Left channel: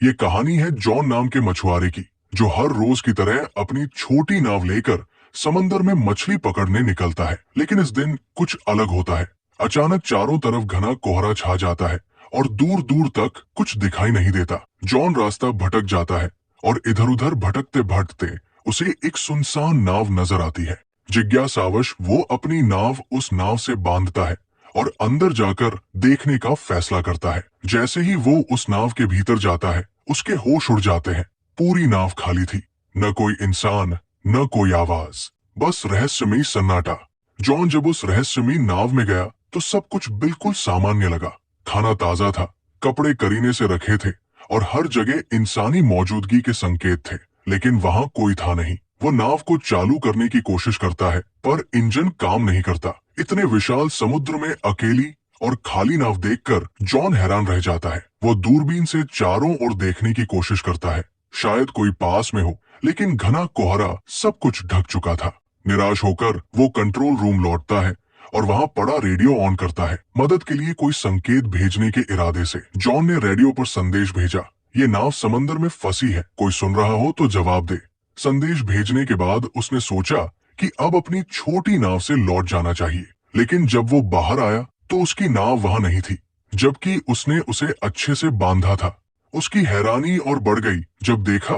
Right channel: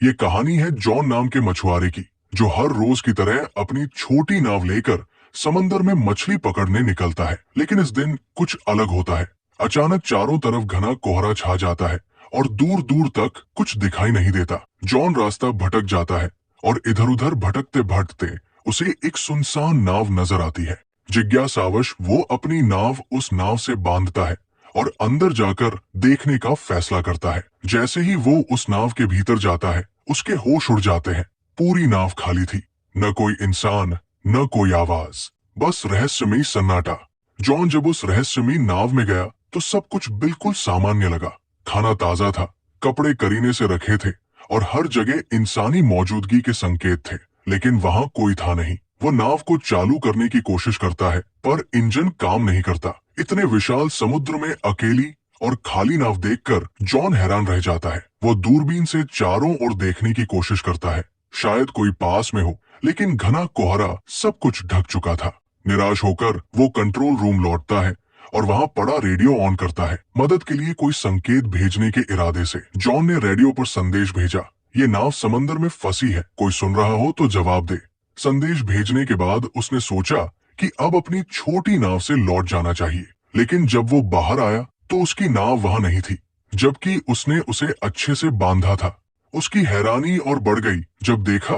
ये कहानी है जॉन नाम के मछुआरे की, जो हर रोज की तरह अपनी छोटी नाव लेकर समंदर में मछली पकड़ने निकलता है। लेकिन इस दिन कुछ अलग होता है। अचानक चारों तरफ घना कोहरा छा जाता है और दूर दूर तक कुछ दिखाई नहीं देता। जॉन रास्ता भटक जाता है और इधर उधर भटकते भटकते उसे एक सुनसान नाव नजर आती है। जिज्ञासावश वो अपनी नाव उस नाव से बांधता है और अंदर जाकर देखने का फैसला करता है। जैसे ही वो उस नाव के भीतर जाता है, उसके होश उड़ जाते हैं। पूरी नाव खाली थी, न कोई इंसान, न कोई आवाज, बस रहस्यमयी सन्नाटा। जॉन जब उस रहस्यमयी नाव में गया तो सब कुछ बिल्कुल सामान्य लगा। खाना ताजा था, कपड़े करीने से रखे थे और हर जगह इंसानी मौजूदगी के संकेत थे। लेकिन वहां कोई था नहीं। वो नाव को चालू करने की कोशिश करता है, पर इंजन काम नहीं करता। इतने विशाल समुद्र में अकेली और खाली नाव देखकर जॉन हैरान रह जाता है। वो दूरबीन से चारों ओर देखने की कोशिश करता है, शायद कोई पास में हो, लेकिन घना कोहरा सब कुछ ढक चुका था। निराश होकर वो कंट्रोल रूम लौटता है और वहां पड़ा रेडियो ऑन करता है। मदद के लिए कोई संकेत भेजने के इरादे से जॉन ने रेडियो पर संदेश भेजा, ये नाव समंदर में फंसी है, कोई सुन रहा हो तो जवाब दे। संदेश भेजने के बाद उसने सोचा कि अब अपनी छोटी नाव से लौट जाना चाहिए। लेकिन जब वो बाहर आया तो उसकी नाव वहां नहीं थी, जबकि उसने उसे अच्छे से बांधा था। उसकी हैरानी और बढ़ गई जब देखा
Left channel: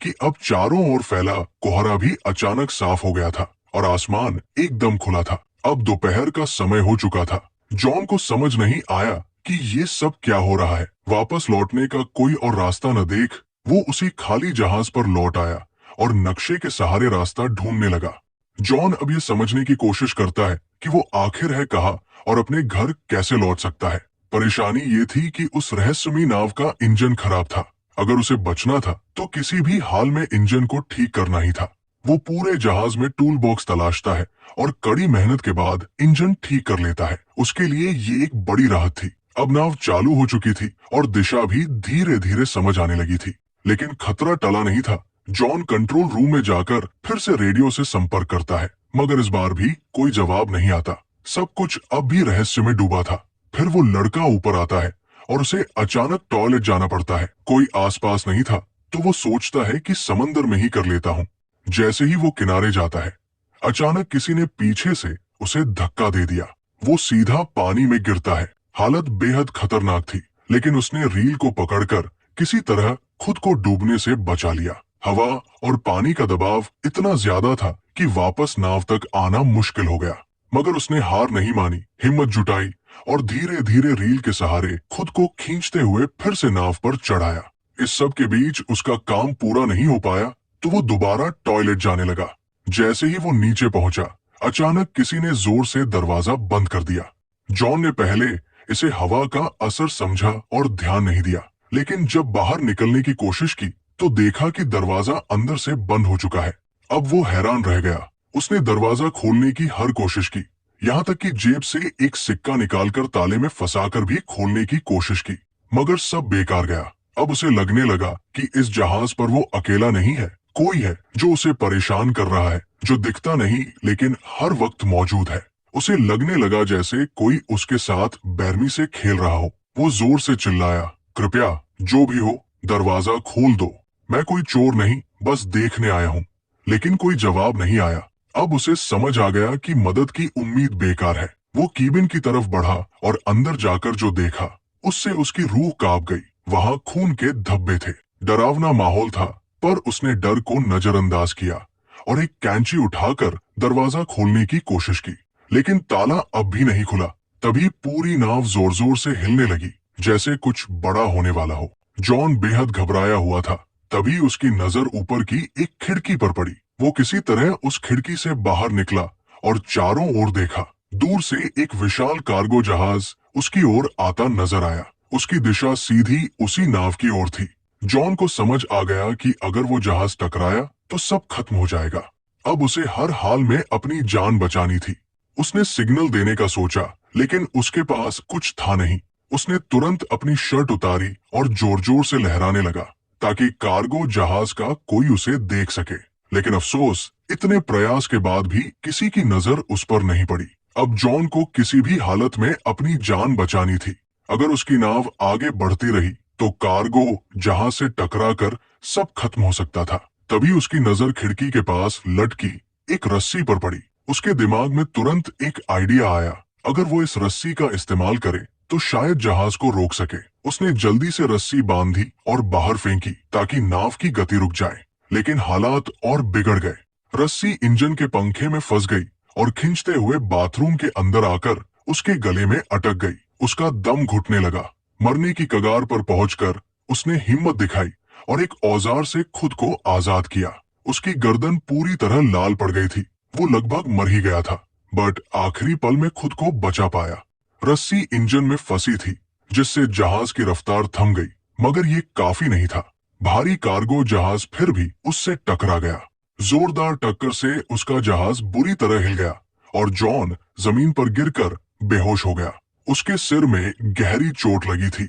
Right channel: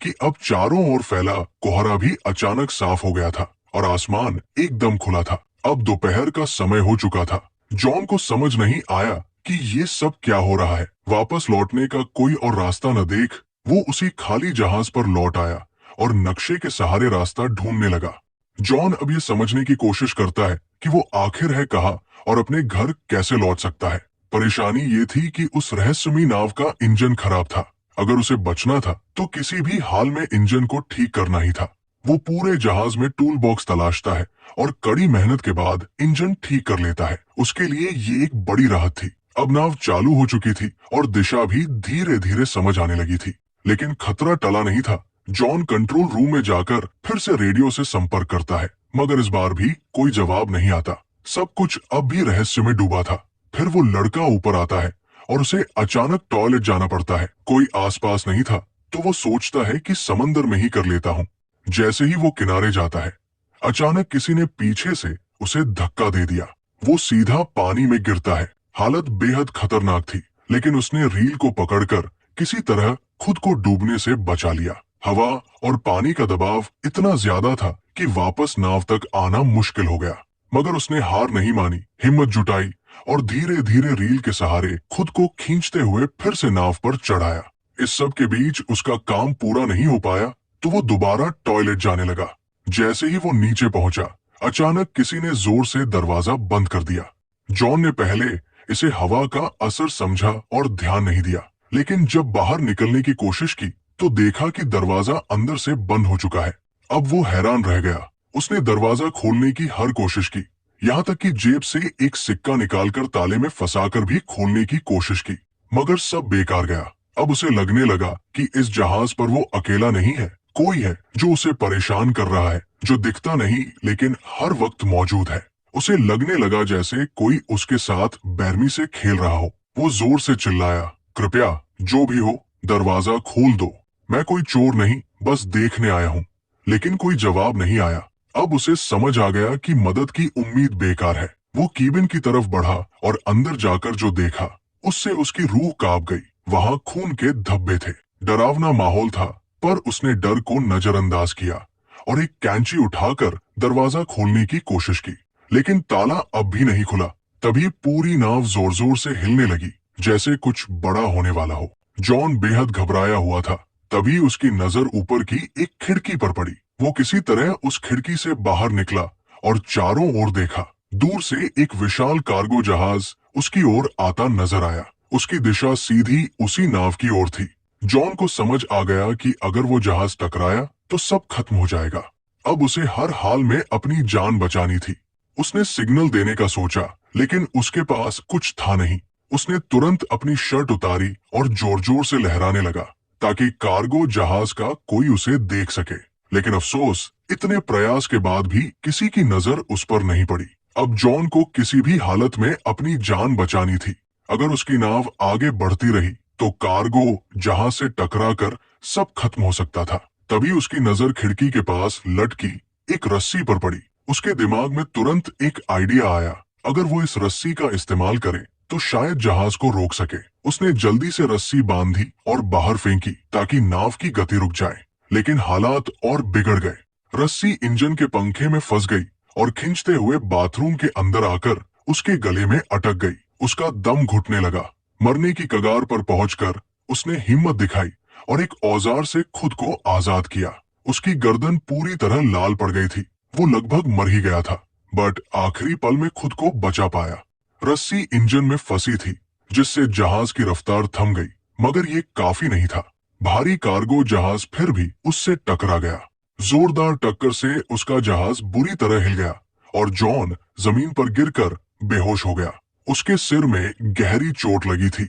कि अब चारों ओर फैला कोहरा भी अचानक साफ हो गया था और आसमान एकदम खुला था। अब दोपहर का समय हो चुका था। जॉन को समझ नहीं आया कि ये सब क्या हो रहा है। वापस लौटने का कोई और रास्ता न देख वो उसी खाली जहाज पर लौट आया और नक्शे के सहारे रास्ता ढूंढने लगा। जॉन अब ये समझने की कोशिश करता है कि वो आखिर है कहाँ और अपने घर कैसे लौट सकता है। परेशानी ये थी कि उस रहस्यमयी नाव का इंजन खराब था। अगर उसे बचना था तो किसी भी हाल में इंजन को ठीक करना ही था। वो पूरे जहाज में टूल बॉक्स तलाशता है और कड़ी मेहनत के बाद इंजन ठीक कर लेता है। उसके लिए ये एक बड़ी राहत थी। अब नाव चालू हो चुकी थी और दिशा भी धीरे धीरे समझ आने लगी थी। लेकिन खतरा टला नहीं था। जॉन कंट्रोल रूम में जाकर फिर से रेडियो से संपर्क करता है, मगर इस बार भी कोई जवाब नहीं आता। सब कुछ अब भी रहस्य में डूबा था। फिर वो लड़का ऊपर आता है और उसे अचानक टॉयलेट जाना पड़ता है। कोई आसपास नहीं था तो वो सोचता है कि समंदर में ही कर लेता हूँ। जैसे ही वो किनारे जाता है, अचानक किसी ने पीछे से उसे धक्का दे दिया। वो सीधा पानी में गिरता है। हालत बेहद खतरनाक थी, लेकिन उसने रील को पकड़कर किसी तरह खुद को डूबने से बचा लिया। हवा और पानी का दबाव इतना ज्यादा था कि वापस नाव तक आना मुश्किल हो गया, मगर उसने हार नहीं मानी, हिम्मत जुटाई और धीरे धीरे रील के सहारे खुद को खींचते हुए फिर से नाव पर चढ़ाया। इस सब के बीच उसका काम पूरा नहीं हो पाया तो वो दोबारा टॉयलेट जाने लगा। जैसे ही वो नीचे पहुंचा, अचानक किसी ने जोर से दरवाजा बंद कर दिया। जॉन ने पहले इसे हवा का असर समझा और ध्यान नहीं दिया, लेकिन जब बाहर निकलने की कोशिश की तो देखा कि दरवाजा अंदर से बंद हो चुका है। अब वो हैरान रह गया। उसने दरवाजा खोलने की हर कोशिश की, यहाँ तक कि जेब से एक सिक्का निकालकर ताले में फंसाकर भी खोलने की कोशिश की, मगर सब बेकार गया। अब उसे लगने लगा कि इस जहाज पर वो अकेला नहीं है, कोई है जो उसे परेशान कर रहा है, जो दिखता नहीं लेकिन हर वक्त मौजूद है। उसे लगने लगा जैसे कोई उसके साथ बेरमी से खेल रहा हो। वो जोर से चिल्लाया, कृपया जो भी हो दरवाजा खोल दो, मैं कोई चोर नहीं, बस देखने आया हूँ। लेकिन कोई जवाब नहीं आया। अब उसे समझ आ गया कि मदद की उम्मीद बेकार है। वो कीबिन की तरफ बढ़ा और अंदर जाकर जो देखा उससे उसकी रूह कांप गई। वहां खून के धब्बे थे, डरावना माहौल था, पर उसने डर को नजरअंदाज किया और एक कैंची उठाकर दरवाजा खोलने की कोशिश की। लेकिन ताला अब भी नहीं खुला। तभी पूरी नाव जोर जोर से हिलने लगी, जैसे कुछ बड़ा होने वाला हो। जॉन बेहद घबराया हुआ था। तभी उसकी नजर ऊपर की एक खिड़की पर पड़ी। वो किसी तरह उस खिड़की से बाहर निकला और चारों ओर देखा। दूर से एक विशाल कार्गो जहाज उसकी ओर आता नजर आया। उसकी दिशा सीधी उसी नाव की ओर थी। जॉन को समझ आ गया कि अगर वो जहाज टकराया तो सब खत्म हो जाएगा। अब उसे हर हाल में अपनी जान बचानी थी। उसने सिग्नल देने का सोचा, लेकिन उसके पास कुछ था नहीं। उसने तुरंत अपनी शर्ट उतारी और जोर जोर से लहराने लगा ताकि कार्गो जहाज का कोई उसे देख सके। लेकिन अफसोस, इतने प्रयास के बाद भी किसी की नजर उस पर नहीं पड़ी। अब जॉन को किसी भी हालत में अपनी जान बचानी थी। अगर उसकी नाव आगे बढ़ती रही तो कार्गो जहाज से टकराकर सब खत्म हो सकता था। तभी उसकी नजर खिड़की के पास लटकी एक रस्सी पर पड़ी। उसके दिमाग में तुरंत एक आइडिया आया, अगर वो इस रस्सी का इस्तेमाल करे तो शायद जहाज को रोक सके। उसने जल्दी से रस्सी बांधी और बाहर फेंकी ताकि नाव की गति रुक जाए, लेकिन हालात और बिगड़ गए। रस्सी इंजन के पंखे में फंस गई और खींचते हुए बाथरूम के अंदर आकर उसके गले में अटक गई। उसका दम घुटने लगा। मरने की कगार पर पहुंचकर उसने हिम्मत दिखाई और एक औजार से खुद को आजाद किया। उसकी गर्दन पूरी तरह लाल पड़ गई थी। वो लगभग मर ही गया था, बट आखिरी पल में खुद को बचा पाया। रस्सी इंजन में फंसी थी, जिससे जहाज की रफ्तार थम गई, मगर ये काफी नहीं था। भारी कार्गो जहाज फिर भी उससे टकरा गया। जोरदार टक्कर से उसका जहाज बुरी तरह हिल गया और जॉन जमीन पर गिरकर बेहोश हो गया। उसके सिर में गहरी चोट लगी थी।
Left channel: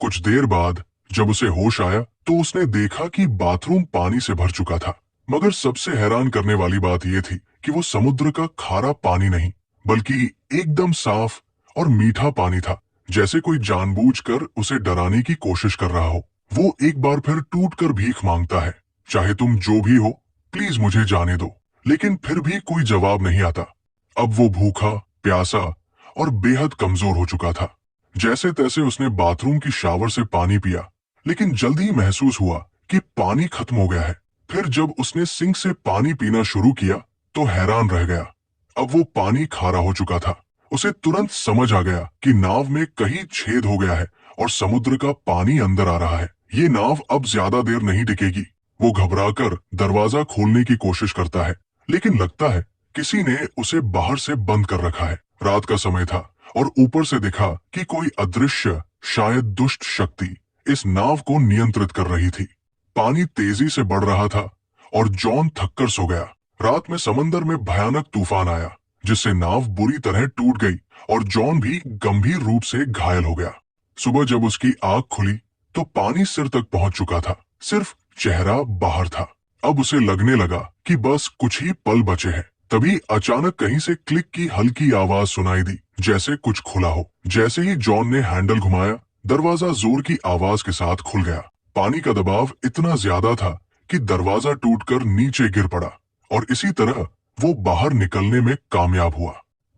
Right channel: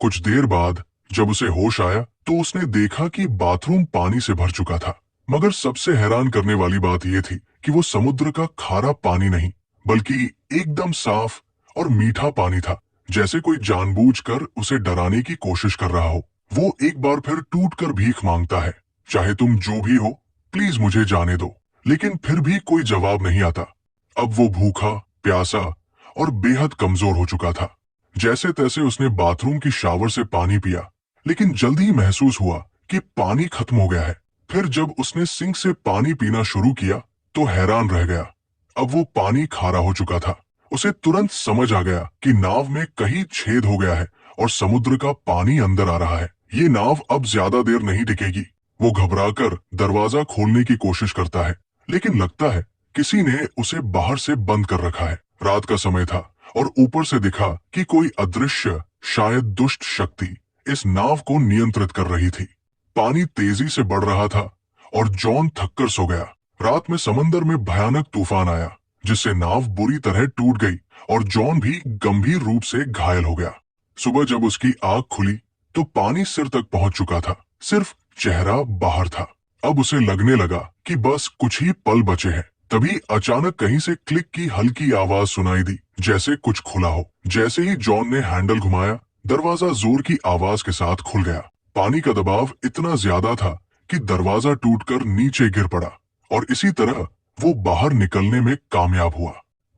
कुछ देर बाद जब उसे होश आया तो उसने देखा कि बाथरूम पानी से भर चुका था, मगर सबसे हैरान करने वाली बात यह थी कि वो समुद्र का खारा पानी नहीं, बल्कि एकदम साफ और मीठा पानी था, जैसे कोई जानबूझकर उसे डराने की कोशिश कर रहा हो। वो एक बार फिर टूटकर भीख मांगता है, चाहे तुम जो भी हो, प्लीज मुझे जाने दो। लेकिन फिर भी कोई जवाब नहीं आता। अब वो भूखा, प्यासा और बेहद कमजोर हो चुका था। जैसे तैसे उसने बाथरूम की शावर से पानी पिया, लेकिन जल्द ही महसूस हुआ कि पानी खत्म हो गया है। फिर जब उसने सिंक से पानी पीना शुरू किया तो हैरान रह गया। अब वो पानी खारा हो चुका था। उसे तुरंत समझ आ गया कि नाव में कहीं छेद हो गया है और समुद्र का पानी अंदर आ रहा है। ये नाव अब ज्यादा देर नहीं टिकेगी। वो घबराकर दरवाजा खोलने की कोशिश करता है, लेकिन लगता है किसी ने उसे बाहर से बंद कर रखा है। रात का समय था और ऊपर से दिखा कि कोई अदृश्य, शायद दुष्ट शक्ति इस नाव को नियंत्रित कर रही थी। पानी तेजी से बढ़ रहा था और जॉन थककर सो गया। रात में समंदर में भयानक तूफान आया, जिससे नाव बुरी तरह टूट गई और जॉन भी गंभीर रूप से घायल हो गया। सुबह जब उसकी आंख खुली तो पानी सिर तक पहुंच चुका था, सिर्फ चेहरा बाहर था। अब उसे लगने लगा कि बस कुछ ही पल बचे हैं। तभी अचानक कहीं से क्लिक की हल्की आवाज सुनाई दी, जैसे कुछ खुला हो। जैसे ही जॉन ने हैंडल घुमाया, दरवाजा जोर की आवाज के साथ खुल गया। पानी का दबाव इतना ज्यादा था कि दरवाजा टूटकर नीचे गिर पड़ा और इसी तरह वो बाहर निकलने में कामयाब हुआ।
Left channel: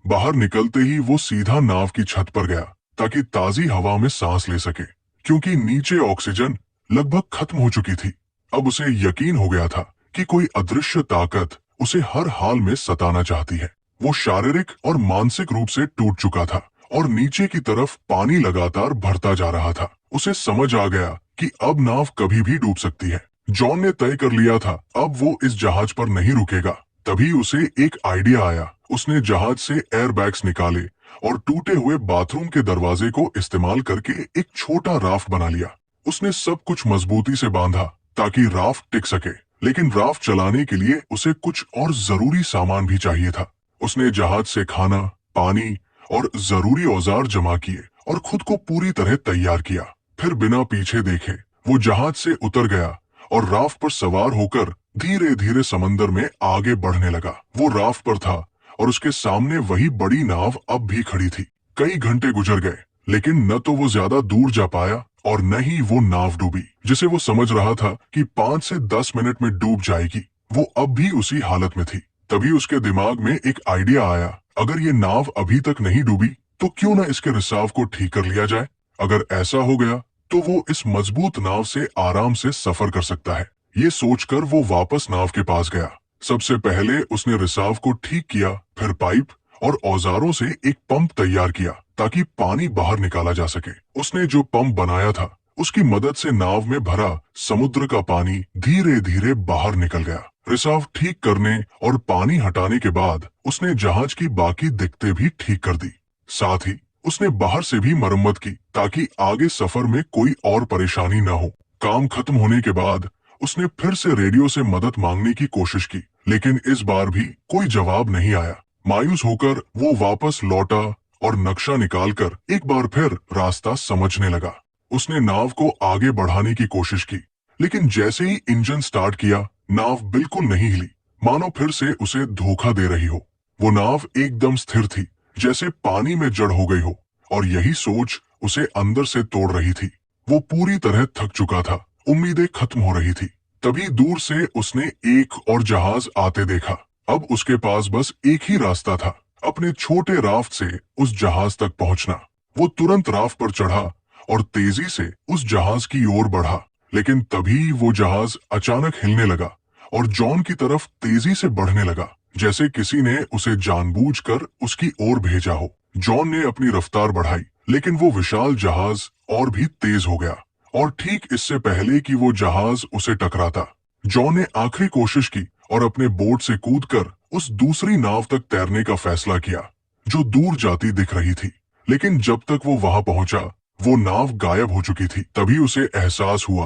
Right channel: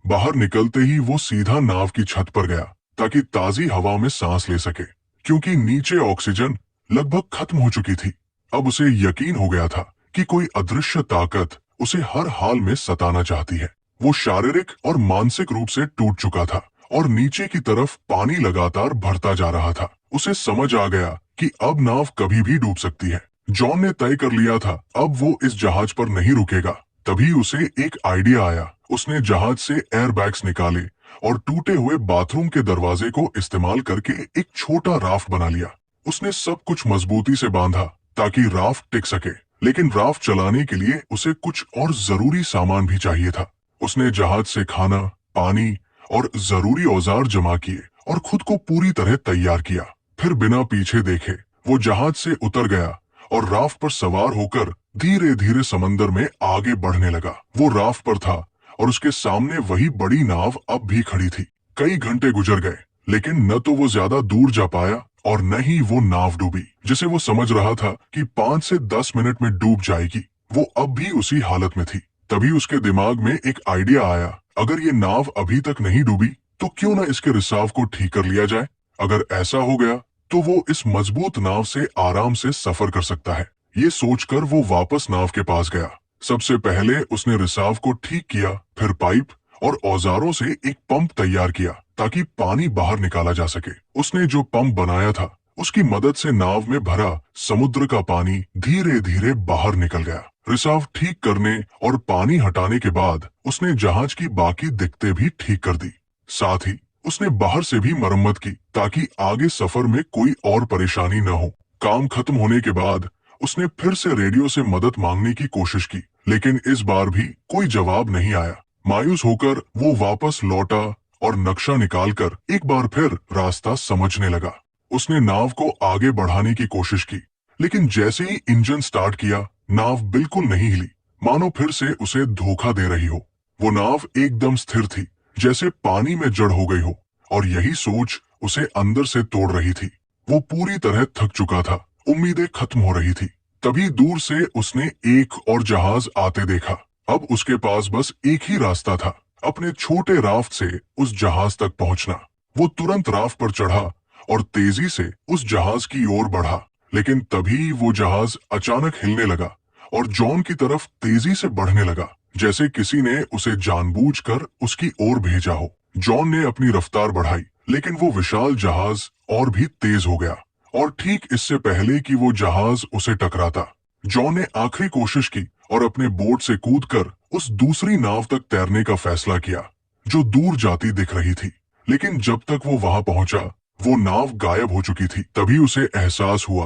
बाहर निकलते ही वो सीधा नाव की छत पर गया ताकि ताजी हवा में सांस ले सके, क्योंकि नीचे ऑक्सीजन लगभग खत्म हो चुकी थी। अब उसे यकीन हो गया था कि कोई अदृश्य ताकत उसे हर हाल में सताना चाहती है। वो शारीरिक और मानसिक रूप से टूट चुका था और नीचे की तरफ पानी लगातार भरता जा रहा था। उसे समझ आ गया कि अब नाव कभी भी डूब सकती है। जॉन ने तय कर लिया था अब वो इस जहाज पर नहीं रुकेगा। तभी उसे एक आइडिया आया। उसने जहाज से एयरबैग्स निकाले और टूटे हुए बाथरूम के दरवाजे को इस्तेमाल करके एक छोटा राफ्ट बना लिया। उसने सब कुछ मजबूती से बांधा ताकि राफ्ट टिक सके, लेकिन राफ्ट चलाने के लिए उसे कुछ और जरूरी सामान भी चाहिए था। उसने जहाज से खाना, पानी और जरूरी औजार जमा किए और खुद को पूरी तरह तैयार किया। फिर बिना पीछे देखे वो जहाज से उतर गया और राफ्ट पर सवार होकर धीरे धीरे समंदर में आगे बढ़ने लगा। वो राफ्ट पर था और उसके सामने वही बड़ी नाव अब भी खड़ी थी। कई घंटे गुजर गए, लेकिन न तो वो ज्यादा दूर जा पाया और न ही वो नाव डूबी, जिसे वो समझ रहा था कि 5 से 10 मिनट में डूब जाएगी। वो अब भी उसी हालत में थी। तभी उसके दिमाग में एक आइडिया आया, अगर ये नाव अभी तक नहीं डूबी तो क्यों न इसके रिसाव को ठीक कर लिया जाए। अगर ऐसा हो गया तो वो इस मजबूत नाव से आराम से सफर कर सकता है। ये सोचकर वो वापस नाव के पास गया। सबसे पहले उसने रिसाव को ठीक किया, फिर पाइप और औजारों से एक पंप तैयार किया ताकि पानी बाहर निकाला जा सके। उसने जो पंप बनाया था उसकी मदद से नाव में भरा समुद्र का पानी धीरे धीरे बाहर निकल गया। रिसाव ठीक करने और पानी हटाने के बाद उसने जहाज की बाकी दिक्कतें भी ठीक कर दी। साथ ही उसने बाहर से भी मरम्मत की ताकि आगे सफर में कोई और परेशानी न हो। काम खत्म होने के बाद उसने फिर से रेडियो से मदद मांगने की कोशिश की, लेकिन इस बार भी कोई जवाब नहीं आया। मायूस होकर वो वापस लौटा और नक्शा निकालकर एक बार फिर रास्ता समझने लगा। उसने नाव को आगे बढ़ाने की कोशिश की, लेकिन जैसे ही इंजन स्टार्ट किया, नाव बिल्कुल नहीं हिली, मानो फिर से उसे धोखा दे रही हो। वो नाव एकदम स्थिर थी, जैसे पानी में जड़ हो गई हो, और यही सोच उसे अंदर से तोड़ रही थी। वो पूरी तरह थक चुका था, उम्मीदें खत्म हो रही थी। तभी दूर से उसने एक और जहाज आते देखा। अब उसके पास बस एक ही रास्ता था, अपने छोटे राफ्ट से उस जहाज तक पहुंचना। वो तुरंत राफ्ट पर चढ़ा और तेजी से उस जहाज की ओर बढ़ा। लेकिन तभी वो जहाज अचानक हिलने लगा और जॉन की तरफ तेजी से बढ़ने लगा, जैसे किसी ने उसे जानबूझकर उसकी ओर भेजा हो। जॉन ने अपनी रफ्तार बढ़ाई, लेकिन वो विशाल जहाज और भी तेज हो गया, और ठीक इससे पहले कि वो जहाज उसे टकराता, जॉन ने आखिरी कोशिश की और अपने बोट से कूदकर उस दूसरी नाव तक तैरने का फैसला किया, जो दूर जाती दिख रही थी। लेकिन जब तक वो वहां पहुंचा, वो नाव गायब हो चुकी थी। तभी उसे एहसास हुआ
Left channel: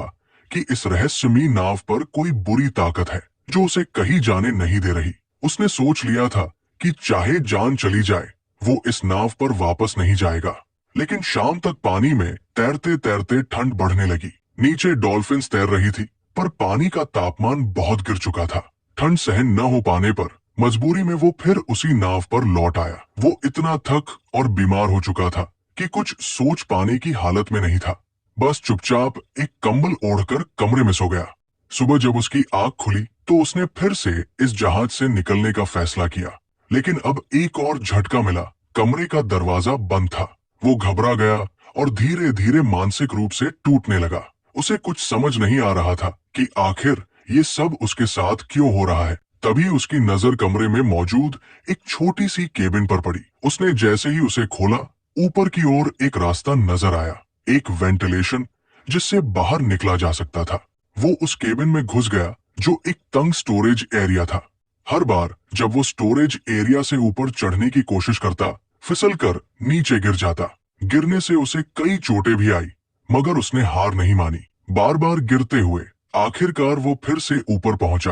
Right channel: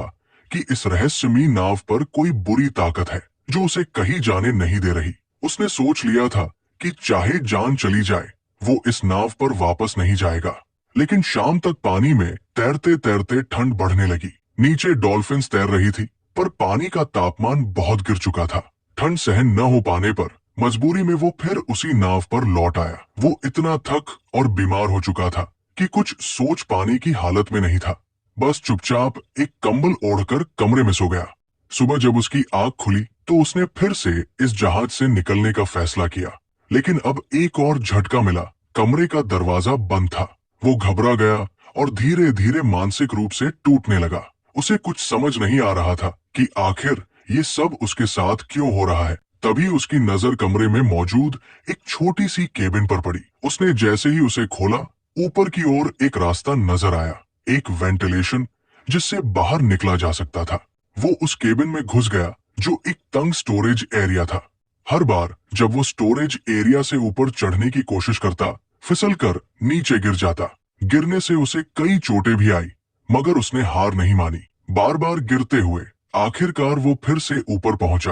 कि इस रहस्यमयी नाव पर कोई बुरी ताकत है, जो उसे कहीं जाने नहीं दे रही। उसने सोच लिया था कि चाहे जान चली जाए, वो इस नाव पर वापस नहीं जाएगा। लेकिन शाम तक पानी में तैरते तैरते ठंड बढ़ने लगी। नीचे डॉल्फिन्स तैर रही थी, पर पानी का तापमान बहुत गिर चुका था। ठंड सहन न हो पाने पर मजबूरी में वो फिर उसी नाव पर लौट आया। वो इतना थक और बीमार हो चुका था कि कुछ सोच पाने की हालत में नहीं था। बस चुपचाप एक कंबल ओढ़कर कमरे में सो गया। सुबह जब उसकी आंख खुली तो उसने फिर से इस जहाज से निकलने का फैसला किया। लेकिन अब एक और झटका मिला। कमरे का दरवाजा बंद था। वो घबरा गया और धीरे धीरे मानसिक रूप से टूटने लगा। उसे कुछ समझ नहीं आ रहा था कि आखिर ये सब उसके साथ क्यों हो रहा है। तभी उसकी नजर कमरे में मौजूद एक छोटी सी केबिन पर पड़ी। उसने जैसे ही उसे खोला, ऊपर की ओर एक रास्ता नजर आया, एक वेंटिलेशन जिससे बाहर निकला जा सकता था। वो उस केबिन में घुस गया, जो एक तंग स्टोरेज एरिया था। हर बार जब वो स्टोरेज एरिया से ऊपर चढ़ने की कोशिश करता, फिसलकर नीचे गिर जाता। गिरने से उसे कई चोटें भी आई, मगर उसने हार नहीं मानी। बार बार गिरते हुए आखिरकार वो फिर से ऊपर पहुंचा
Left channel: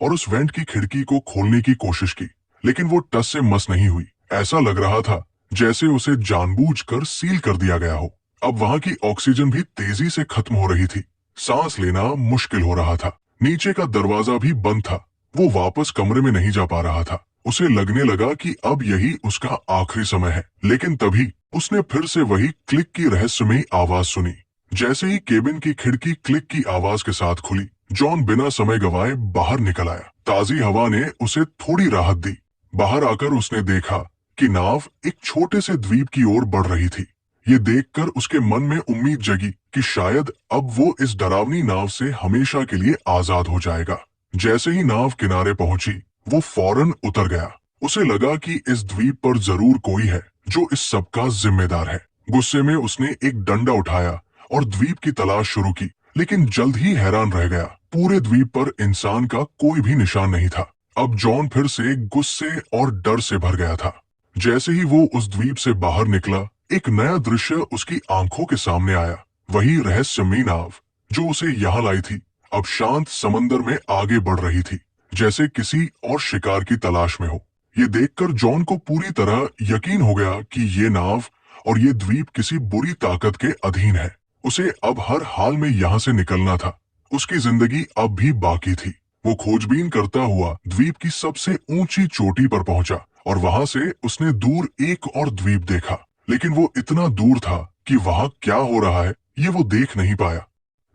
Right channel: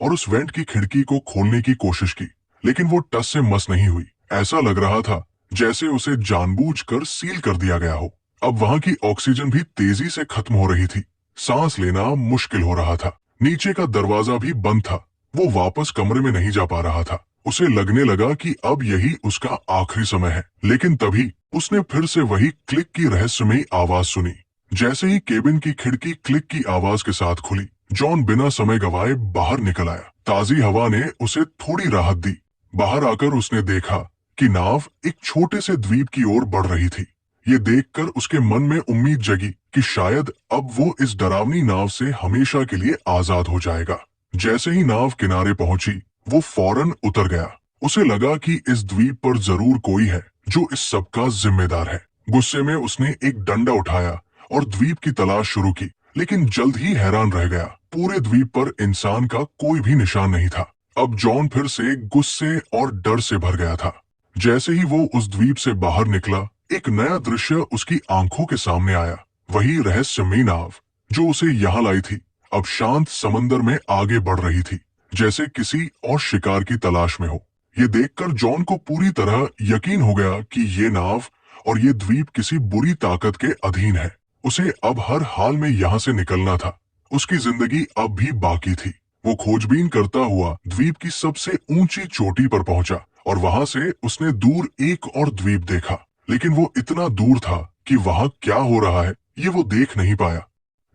और उस वेंट की खिड़की को खोलने की कोशिश की, लेकिन वो टस से मस नहीं हुई। ऐसा लग रहा था जैसे उसे जानबूझकर सील कर दिया गया हो। अब वहां की ऑक्सीजन भी तेजी से खत्म हो रही थी। सांस लेना मुश्किल हो रहा था। नीचे का दरवाजा भी बंद था। वो वापस कमरे में नहीं जा पा रहा था। उसे लगने लगा कि अब यही उसका आखिरी समय है। लेकिन तभी उसने फिर से वही क्लिक की रहस्यमयी आवाज सुनी। जैसे ही केबिन की खिड़की क्लिक की आवाज के साथ खुली, जॉन बिना समय गवाए बाहर निकल आया। ताजी हवा ने उसे थोड़ी राहत दी। बाहर आकर उसने देखा कि नाव एक छोटे से द्वीप की ओर बढ़ रही थी। ये देखकर उसके मन में उम्मीद जगी कि शायद अब वो इस डरावनी नाव से हमेशा के लिए आजाद हो जाएगा। जैसे ही नाव किनारे पहुंची, वो फौरन उतर गया। उसे लगा कि इस द्वीप पर जरूर कोई है जो इस सब का जिम्मेदार है। गुस्से में उसने एक डंडा उठाया और द्वीप की तलाश शुरू की, लेकिन जल्द ही हैरान रह गया। पूरे द्वीप पर इंसान का कोई भी निशान नहीं था। अब जॉन फिर से गुस्से और डर से भर गया था। जैसे ही वो उस द्वीप से बाहर निकला, एक नया दृश्य उसकी आंखों के सामने आया। वही रहस्यमयी नाव जो उसे यहाँ लाई थी, अब शांत समंदर में आगे बढ़ रही थी, जैसे किसी और शिकार की तलाश में हो। ये देखकर जॉन को पूरी तरह यकीन हो गया कि ये नाव और ये द्वीप किसी बुरी ताकत के अधीन है। उसे अब हर हाल में यहाँ से निकलना था। उसकी जिंदगी अब भी बाकी थी। वो खोजबीन करता हुआ द्वीप की सबसे ऊंची चोटी पर पहुंचा और वहां से उसने दूर एक और द्वीप देखा। लेकिन वो इतना दूर था कि वहां क्या हो रहा है ये वो देख नहीं पाया।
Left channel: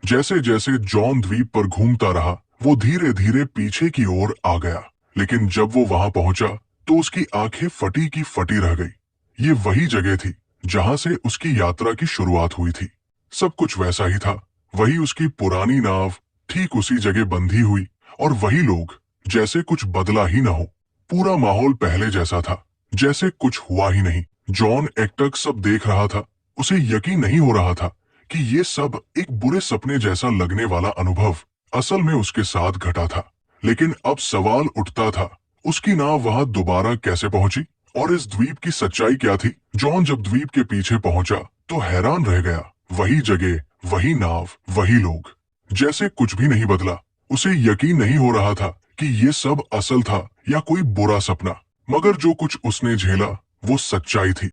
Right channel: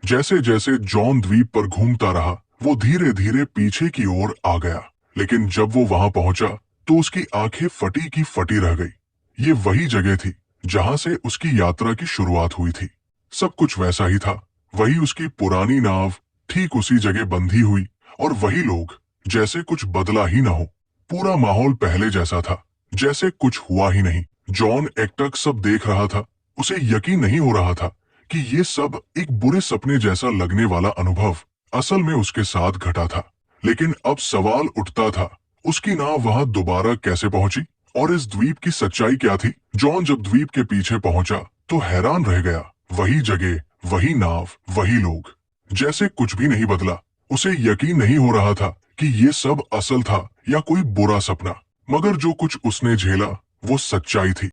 जैसे जैसे जॉन द्वीप पर घूमता रहा, वो धीरे धीरे पीछे की ओर आ गया। लेकिन जब वो वहां पहुंचा तो उसकी आंखें फटी की फटी रह गई। ये वही जगह थी जहां से उसकी यात्रा की शुरुआत हुई थी। सब कुछ वैसा ही था। वही उसकी पुरानी नाव ठीक उसी जगह बंधी हुई, और वही लोग, जैसे कुछ बदला ही न हो। पूरा माहौल पहले जैसा था, जैसे कुछ हुआ ही नहीं। जॉन एकटक सब देख रहा था। उसे यकीन नहीं हो रहा था कि ये सब एक बुरे सपने जैसा लगने वाला अनुभव असल में उसके साथ घटा था। लेकिन अब सवाल उठता था, उसकी नाव वहां दोबारा कैसे पहुंची, और इस द्वीप की सच्चाई क्या थी। जॉन जब द्वीप के पीछे पहुंचा तो हैरान रह गया। वही जगह, वही नाव, वही लोग, जैसे कुछ भी नहीं बदला। उसे यकीन नहीं हो रहा था कि ये सब असल था या कोई बुरा सपना। मगर जो कुछ उसने झेला वो सच्चाई थी।